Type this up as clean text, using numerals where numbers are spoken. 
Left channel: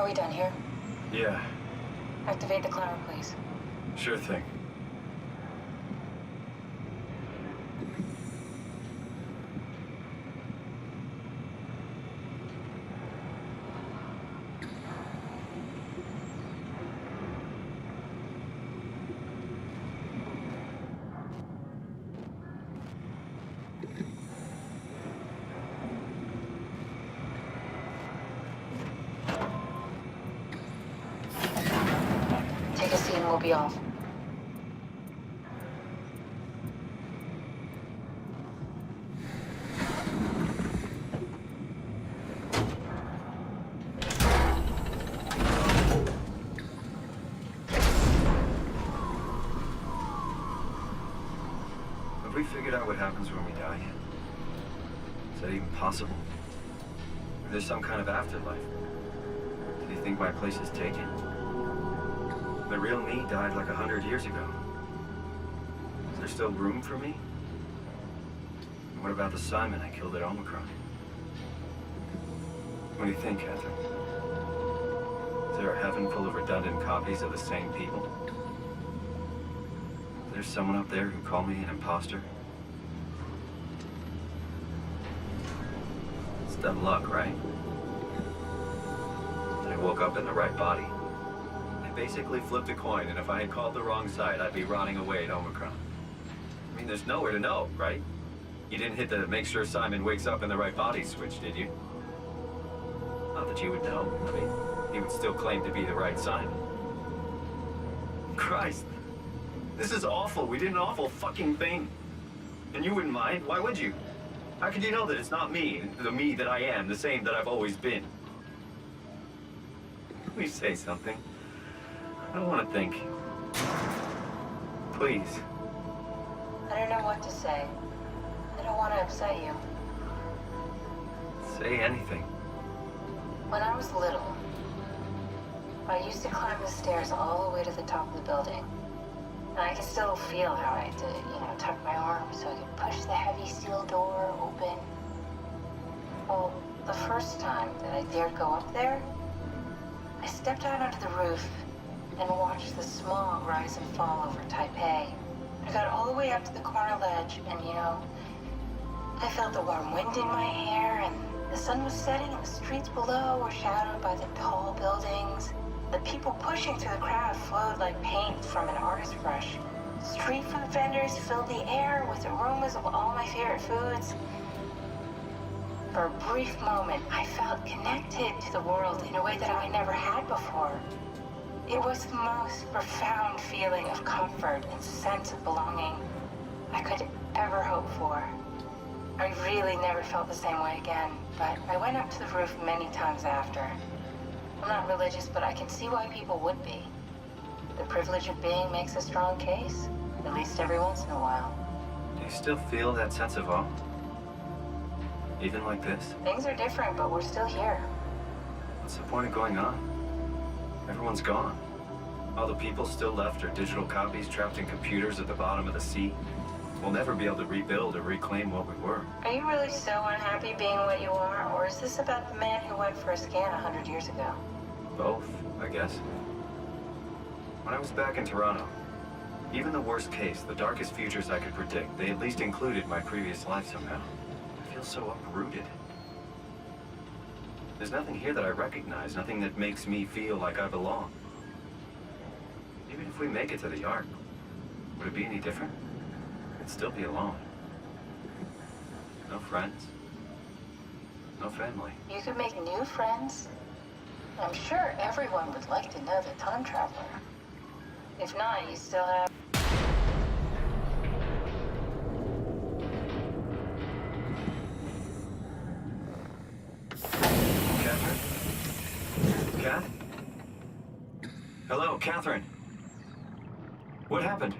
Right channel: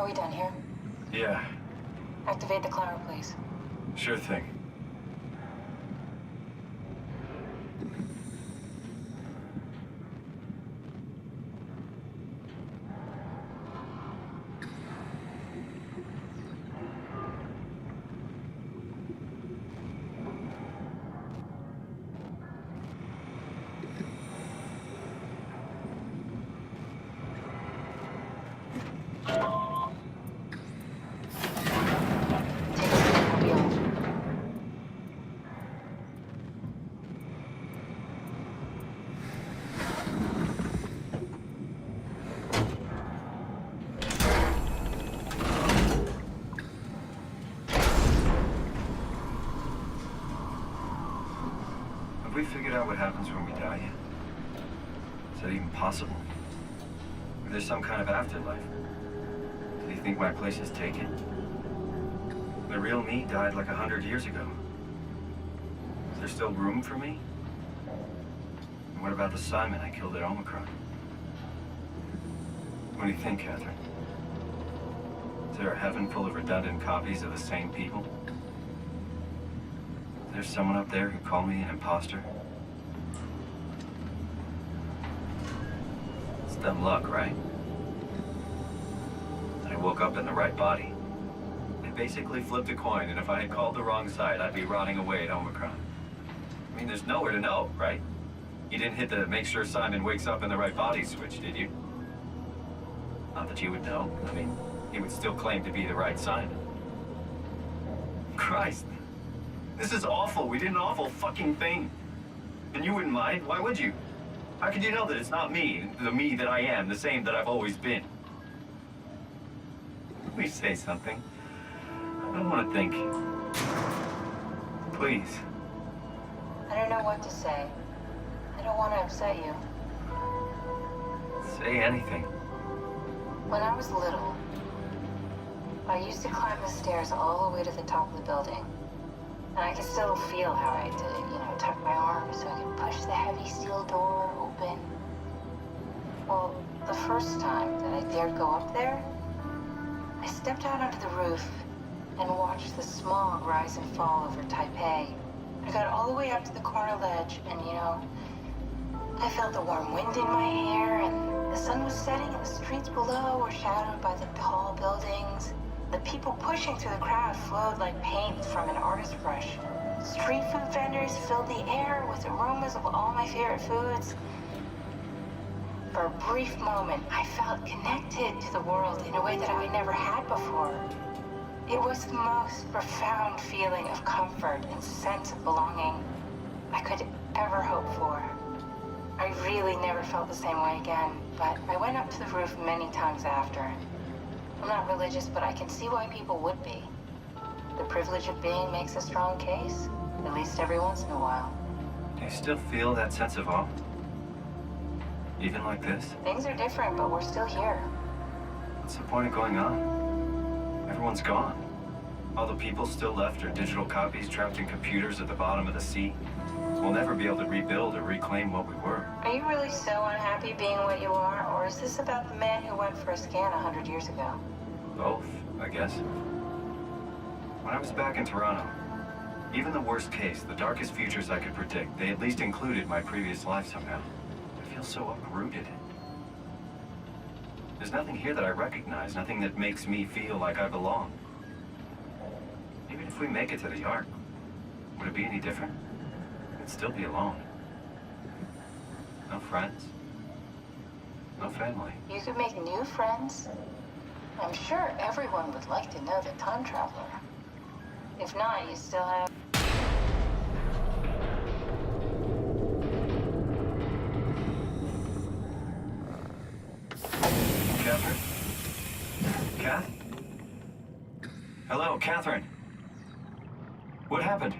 Are we done here? Yeah, Activate the climber, please. sure thing. Take a seat and we'll be off. Have we figured out what happens when we die yet? Is that even possible? Or there's some kind of afterlife? Do you think my place is taken? The real me died like 100 years ago. Is there still room for me? And what about the Simon I killed at Omicron? What do you think, Catherine? Is there a heaven full of redundant copies of the same people? Is there someone up there who called me an imposter? It's dumb luck, right? That I woke up in the right body. I basically flipped a coin, and if I had called the wrong side, I'd be rotting away at Omicron. I mean, there's nowhere to know, right? You didn't hit the make sure Simon wakes up in the right body switch, did you? Not that you would know. I mean, he would still claim to be the right Simon. Christ. This is awful. We did an awful fucking thing. And you wouldn't mind? Why would you? How could you know that it's not me, the me that I am, the same that I've always been? Please say something. I don't want to think. Please. I don't know what to say. I don't want to upset you. Say anything. When I was little, I used to climb the stairs all the way to the top of the building. And I can still feel how I had to, tuck my arm so I could push the heavy steel door open. Well, the first time that I dared go up there, I stepped out onto the roof and watched the smog rise and fall over Taipei. I got all the way up to the corner ledge and, I felt the warm wind in my hair and the sun was setting and the streets below were shadowed by the tall buildings. The people pushing through the crowd flowed like paint from an artist's brush. Street food vendors filled the air with aromas of all my favorite foods. For a brief moment, I felt connected to the world in a way that I never had before. It was the most profound feeling of comfort and sense of belonging I could ever hope for. I really never felt the same way again, but I went up to the roof many times after. I'm not religious, but I can see why people would be. The privilege of being makes a strong case, at least every once in a while. Do you still feel that sense of awe? Even like this? Things are different, but we're still here. What's the point of going on? Everyone's gone. All the people still left are digital copies trapped in computers at the bottom of the sea. We'll never be able to rebuild or reclaim what we were. Are you really so unhappy being what you are, or is this about the man who went for a scan 100 years ago? Both, I guess. When I was back in Toronto, even the worst case, the darkest futures I could predict, they at least included my previous life somehow. I feel so uprooted. There's nothing here that I recognize, nothing that makes me feel like I belong. Even if we make it to the Ark, would it be any different? I'd still be alone. No friends. No family. You could make new friends. I'm sure everyone would like to know the time traveler. If not, you still have... Catherine? Kath? Hello, Catherine. What happened?